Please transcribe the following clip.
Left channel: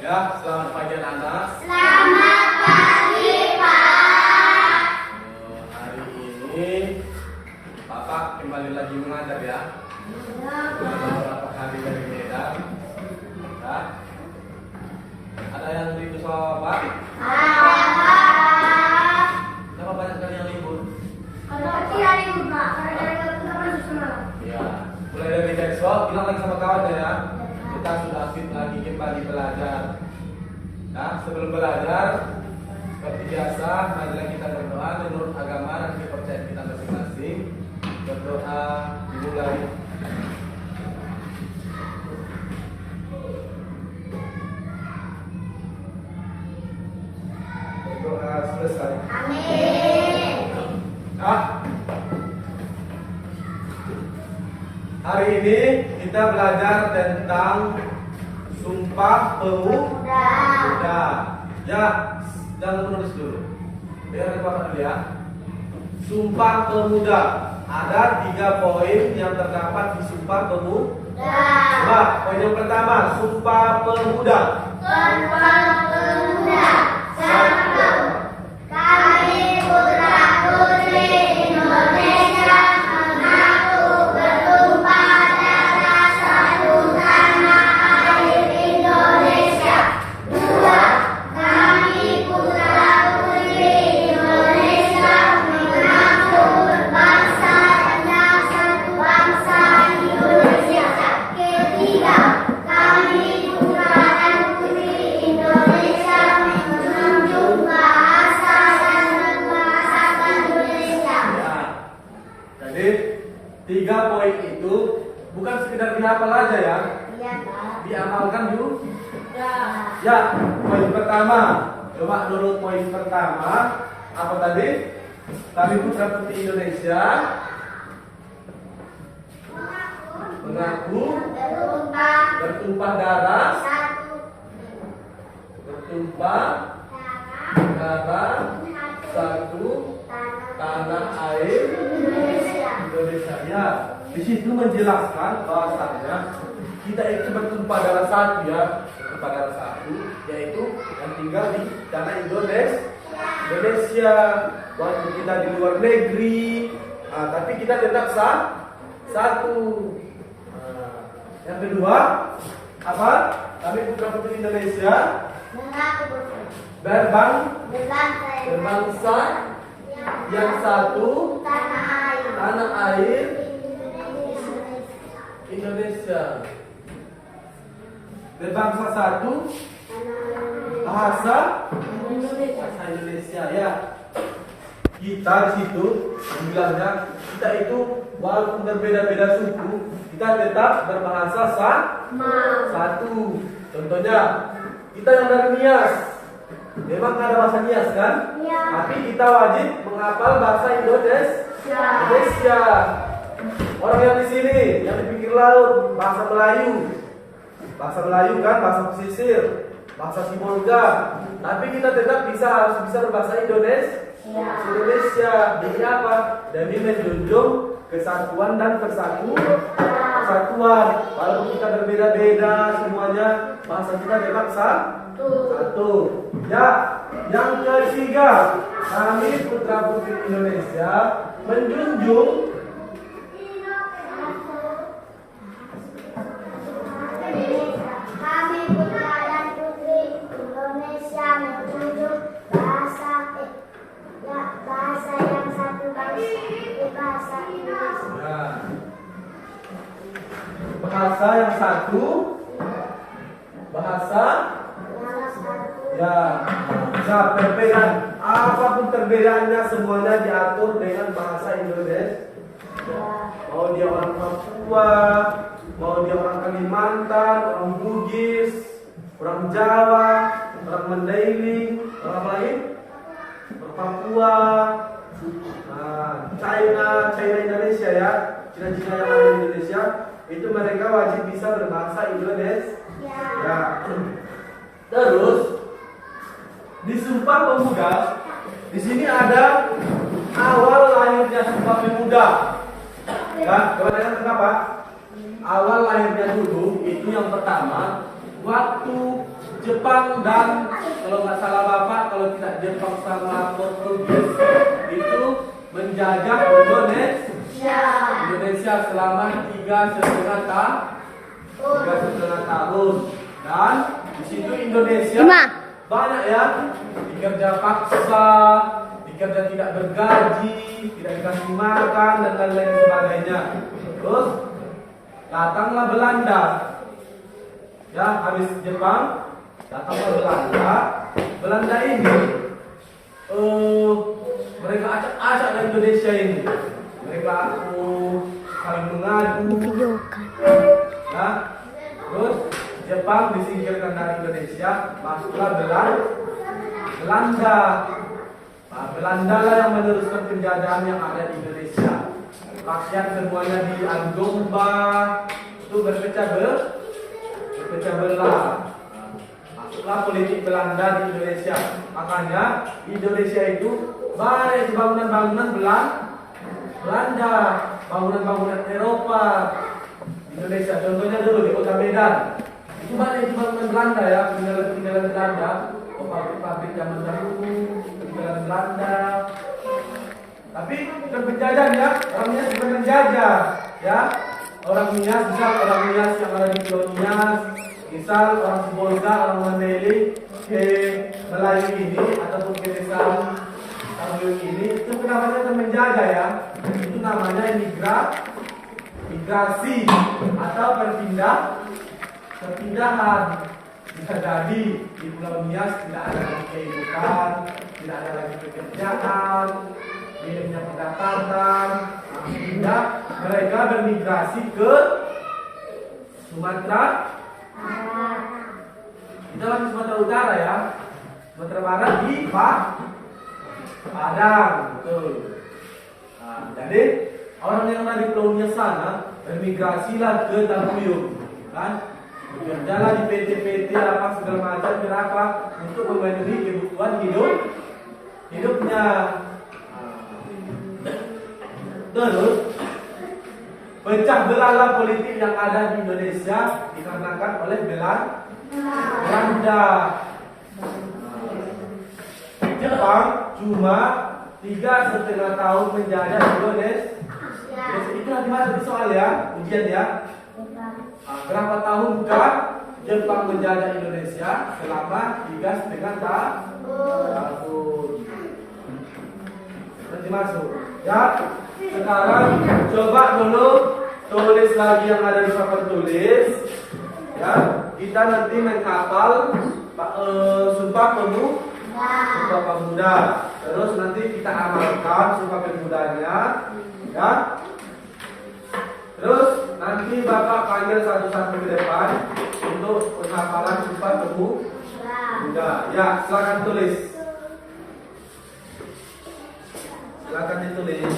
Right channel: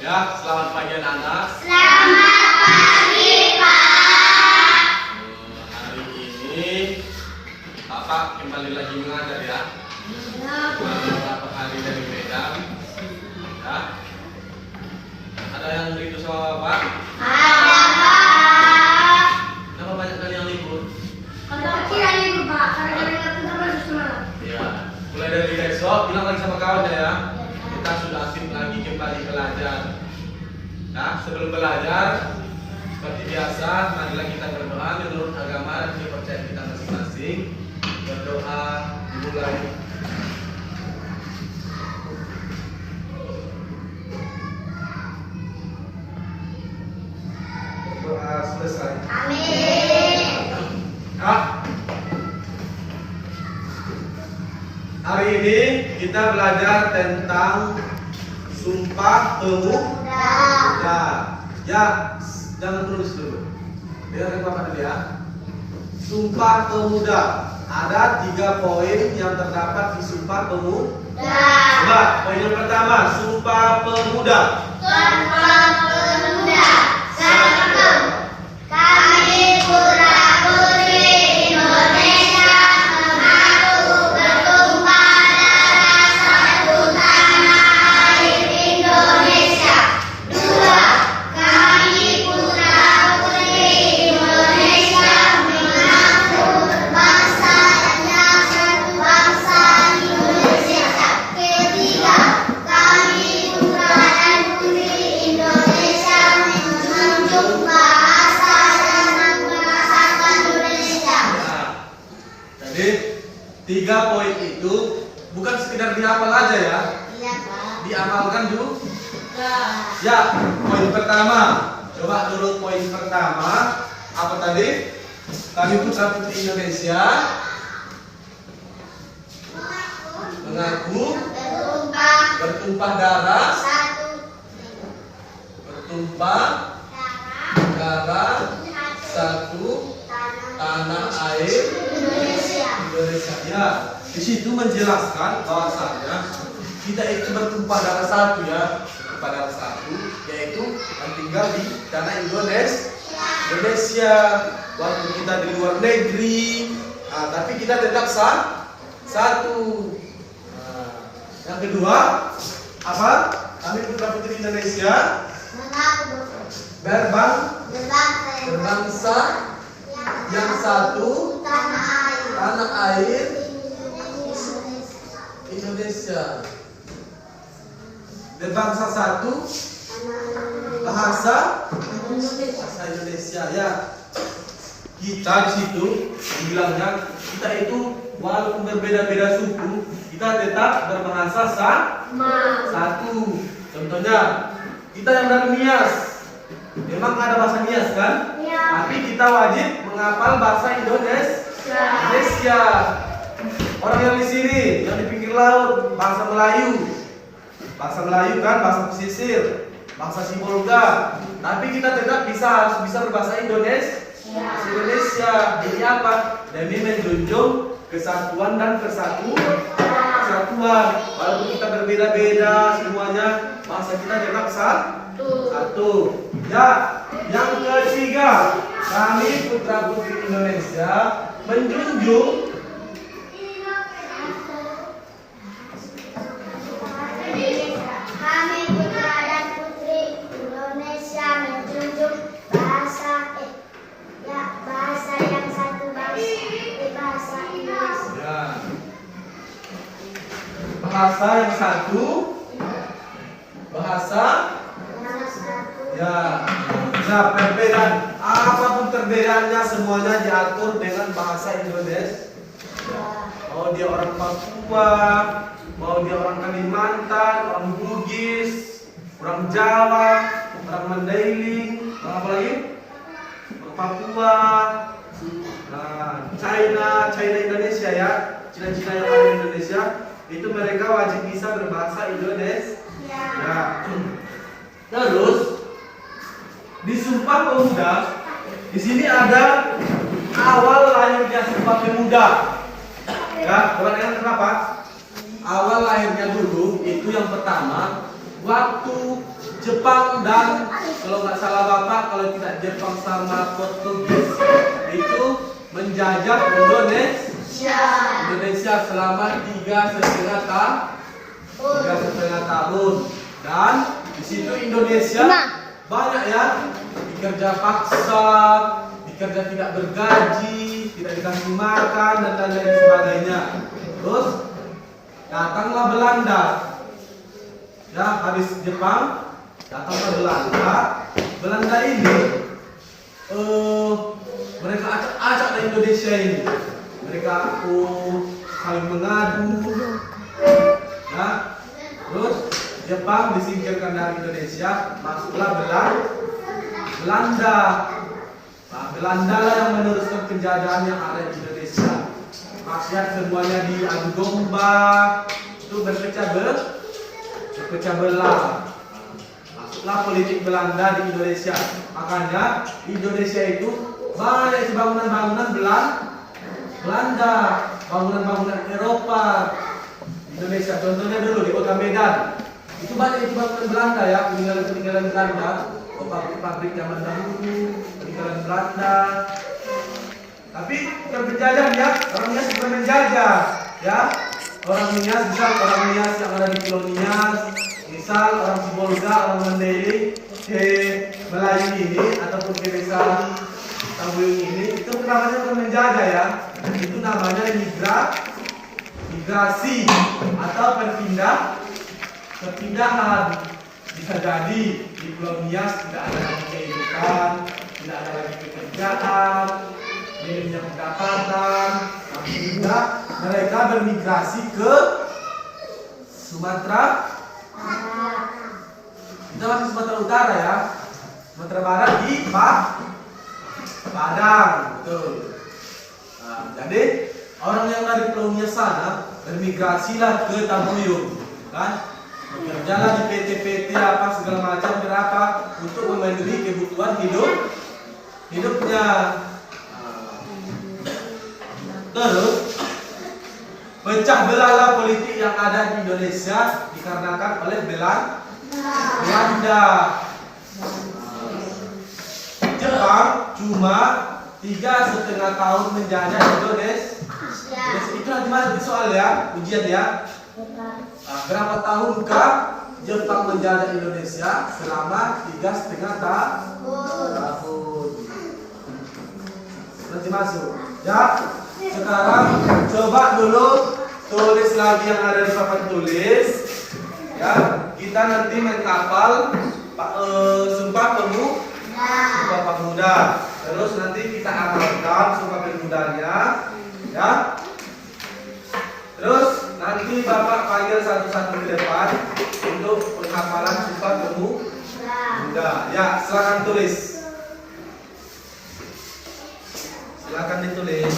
Ya, selamat pagi anak-anak. Selamat pagi, Pak. Hari ini Bapak kembali lagi mengajar ya. Sudah beberapa hari dari Medan. Ya. Ada yang rindu sama Bapak? Ada, Pak. Kenapa banyak kali yang libur? Kira libur, Pak. Karena nggak punya masuk semalam. Ya, mulai dari besok bilang lagi sama kawan ya. Kita sudah aktif lagi kembali belajar. Nah, sebelum belajar seperti biasa, marilah kita berdoa menurut agama dan kepercayaan kita masing-masing. Berdoa dimulai. Berdoa selesai. Amin. Nah, hari ini kita belajar tentang Sumpah Pemuda. Ya, jangan tulis dulu. Biar Bapak dulu ya. Sumpah Pemuda. Ada 3 poin yang terdapat di Sumpah Pemuda. Coba, poin yang pertama, Sumpah Pemuda. Sumpah Pemuda. 1. Kami putra-putri Indonesia mengaku bertumpah darah satu tanah air Indonesia. 2. Kami putra-putri Indonesia mengaku berbangsa dan satu bangsa Indonesia. 3. Kami putra dan putri Indonesia menjunjung bahasa dan bahasa Indonesia. Nah, jadi 3 poin itu bukan sekedar dihafal aja ya, Iya, Pak. diamalkan juga. Ya. Ya, poin pertama. Coba dulu poin pertama. Apa tadi? Kami putra putri Indonesia mengaku bertumpah darah satu tanah air Indonesia. Ya, di situ menjelaskan bahwasanya kita itu bertumpah darah satu ya, bertumpah darah satu, yaitu yang tinggal di tanah Indonesia. Walaupun kita di luar negeri, tapi kita tetap satu. Yang kedua, apa? Kami putra putri Indonesia berbangsa yang satu tanah air Indonesia. Berbangsa satu, bahasa Indonesia ya. Kita di situ bilangnya kita itu walaupun berbeda-beda suku, kita tetap berbahasa satu. Contohnya kita yang dari Nias, memang ada bahasa Nias kan? Ya. Tapi kita wajib menghafal bahasa Indonesia. Orang yang di sini, yang di pinggir laut, bahasa Melayu kan, bahasa pesisir, bahasa Sibolga. Tapi kita tetap harus bisa berbahasa Indonesia. Jadi apa? Demi menjunjung kesatuan dan kesatuan. Walaupun kita berbeda-beda, semuanya bahasa kita tetap satu. Ya, yang ketiga, kami putra putri Indonesia menjunjung Kami putra dan putri Indonesia menjunjung bahasa yang satu bahasa Indonesia. ya, bahasa yang satu, bahasa ya. Nah, perbedaan apapun perbedaannya semuanya diatur dengan bahasa Indonesia. Mau dia orang Papua, mau dia orang Kalimantan, orang Bugis, orang Jawa, orang Mandailing, orang apa lagi? Orang Papua, China Indonesia ya, Cina yang ada di Indonesia, itu mereka wajib bisa berbahasa Indonesia. Ya. Terus di Sumpah Pemuda, di sini ada awal lahirnya Sumpah Pemuda. Ya, dengan kenapa? Awal lahirnya dulu itu yang pertama waktu Jepang dan kalau nggak salah Bapak, kalau tidak Jepang sama Portugis itu menjajah Indonesia selama 3,5 tahun. Dan di situ Indonesia banyak ya dikerja paksa, dikerja tidak bergaji, tidak dikasih makan dan lain-lain sebagainya. Terus datanglah Belanda. Ya, habis Jepang datanglah Belanda. Belanda ini mereka acak-acak dari Indonesia ini. Mereka saling mengadu. Ya. Terus Jepang disingkirkan dari Indonesia, masuklah Belanda. Nah, Belanda lah yang meneruskan penjajahan yang ada di Indonesia. Rakyat semuanya diadu domba, itu berpecah belah. Masuklah politik Belanda di Indonesia. Makanya di Indonesia itu banyak bangunan-bangunan Belanda, bangunan-bangunan Eropa. Indonesia, contohnya dulu di Kota Medan, itu banyak bangunan Belanda ya, peninggalan Belanda, pabrik-pabrik zaman dahulu, peninggalan Belanda. Tapi bukan penjajah ya, orang Nias bukan menjajah ya. Orang Nias, misal orang Nias yang ada di Pulau Nias, misal orang Sibolga, orang Mandailing ke Melayu ini ataupun ke desa Tambuyung ini, itu namanya bukan menjajah ya, itu namanya migrasi atau perpindahan. Bisa jadi di Pulau Nias tidak ada lagi kehidupan, tidak ada lagi pekerjaan, minimnya pendapatan, sehingga mereka bermigrasi ke Sumatera. Kita masih Sumatera Utara ya, Sumatera Barat di Padang, betul. Nah, jadi orang yang dari Pulau Nias sana bermigrasilah ke Tambuyung, kan? Bekerjalah di PT-PT apa segala macam berapa untuk memenuhi kebutuhan hidupnya. Terus pecah belahlah politik yang ada di Indonesia dikarenakan oleh Belanda. Jepang cuma 3,5 tahun menjajah Indonesia. Itu nanti masuk di soal ya, ujian ya. Berapa tahunkah Jepang menjajah Indonesia? Selama 3,5 tahun. Nanti masuk. Ya, sekarang coba dulu tulis lagi yang ada di papan tulis. Ya, kita nanti menghafal Sumpah Pemuda. Terus nanti kita amalkan Sumpah Pemudanya. Ya. Terus nanti Bapak panggil satu-satu di depan untuk penghafalan Sumpah Pemuda. Ya, silakan tulis. Silakan ditulis.